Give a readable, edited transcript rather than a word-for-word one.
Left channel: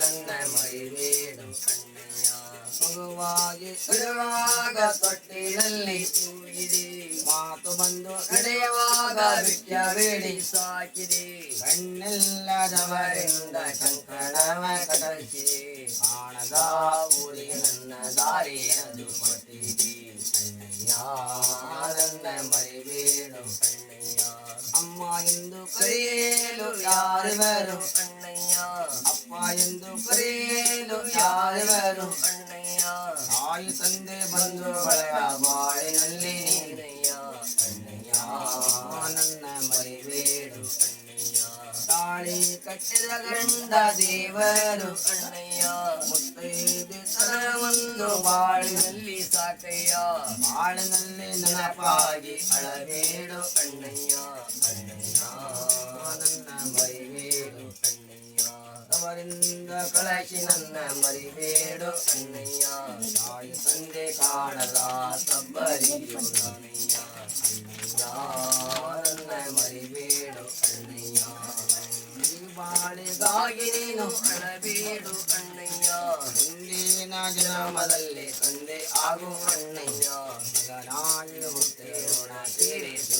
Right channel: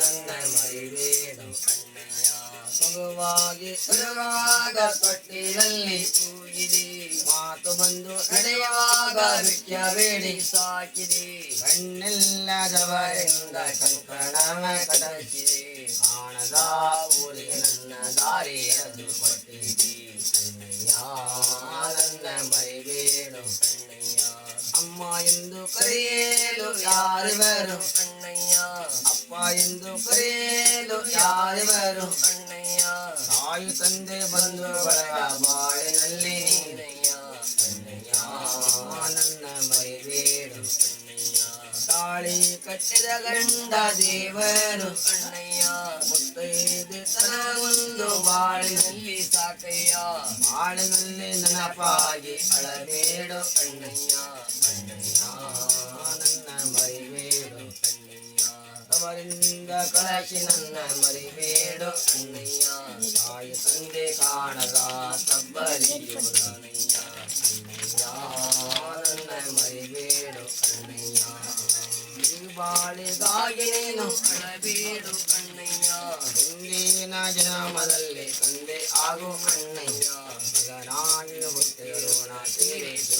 ನನ್ನ ಮರಿಬೇಡು ಅಣ್ಣಯ್ಯ. ಮಗುವಾಗಿ ಇರುವಾಗ ತೊಟ್ಟಿಲಲ್ಲಿ ತೂಗಿದೆ, ಮಾತು ಬಂದು ನಡೆಯುವಾಗ ವಿದ್ಯ ಬೇಡಿ ಸಾಕಿದೆ. ಕಣ್ಣಿಲ್ಲದವರಿಂದ ಕಂಕಣವ ಕಟಕಿದೆ, ಕಾಣದ ಊರಿಗೆ ನನ್ನ ದಾರಿಯನ್ನು ಕೊಟ್ಟಿದೆ. ಅಣ್ಣಯ್ಯ ನನ್ನ ಮರಿಬೇಡು ಅಣ್ಣಯ್ಯ. ಅಮ್ಮ ಎಂದು ಕರೆಯಲು ಯಾರಿವರು ಅಣ್ಣಯ್ಯ, ಅಪ್ಪ ಎಂದು ಕರೆಯಲು ಯಾರಿವರು ಅಣ್ಣಯ್ಯ. ತಾಯಿ ತಂದೆ ಬಂಧು ಬಳಗ ಬಾಳಿನಲ್ಲಿ ನೀನಯ್ಯ. ಅಣ್ಣಯ್ಯ ನನ್ನ ಮರಿಬೇಡು ಅಣ್ಣಯ್ಯ. ತಾಳಿ ಕಟ್ಟಿದ ಗಂಡ ದೇವರು ಅಣ್ಣಯ್ಯ, ಮುತ್ತೈದೆ ತನವೊಂದು ಬಾಳಿನಲ್ಲಿ ಸಾಕಯ್ಯ. ಬಾಳಿನಲ್ಲಿ ನೆನಪಾಗಿ ಅಳಬೇಡು ಅಣ್ಣಯ್ಯ. ಅಣ್ಣಯ್ಯ ನನ್ನ ಮರಿಬೇಡು ಅಣ್ಣಯ್ಯ. ಅವರಿಂದ ಕಳಚಿ ನನ್ನ ಮರಿಬೇಡು ಅಣ್ಣಯ್ಯ. ತಾಯಿ ತಂದೆ ಕಾಣದ ತಬ್ಬಲಿಯು ನಾನಯ್ಯ. ಅಣ್ಣಯ್ಯ ನನ್ನ ಮರಿಬೇಡು ಅಣ್ಣಯ್ಯ. ಬಾಳಿಗಾಗಿ ನೀನು ಅಳಬೇಡು ಅಣ್ಣಯ್ಯ. ಹಿಂದಿನ ಜನ್ಮದಲ್ಲಿ ತಂದೆ ಆಗು ಅಣ್ಣಯ್ಯ. ಮಗನಾಗಿ ಹುಟ್ಟಿರೋಣ ತೀರಿಸ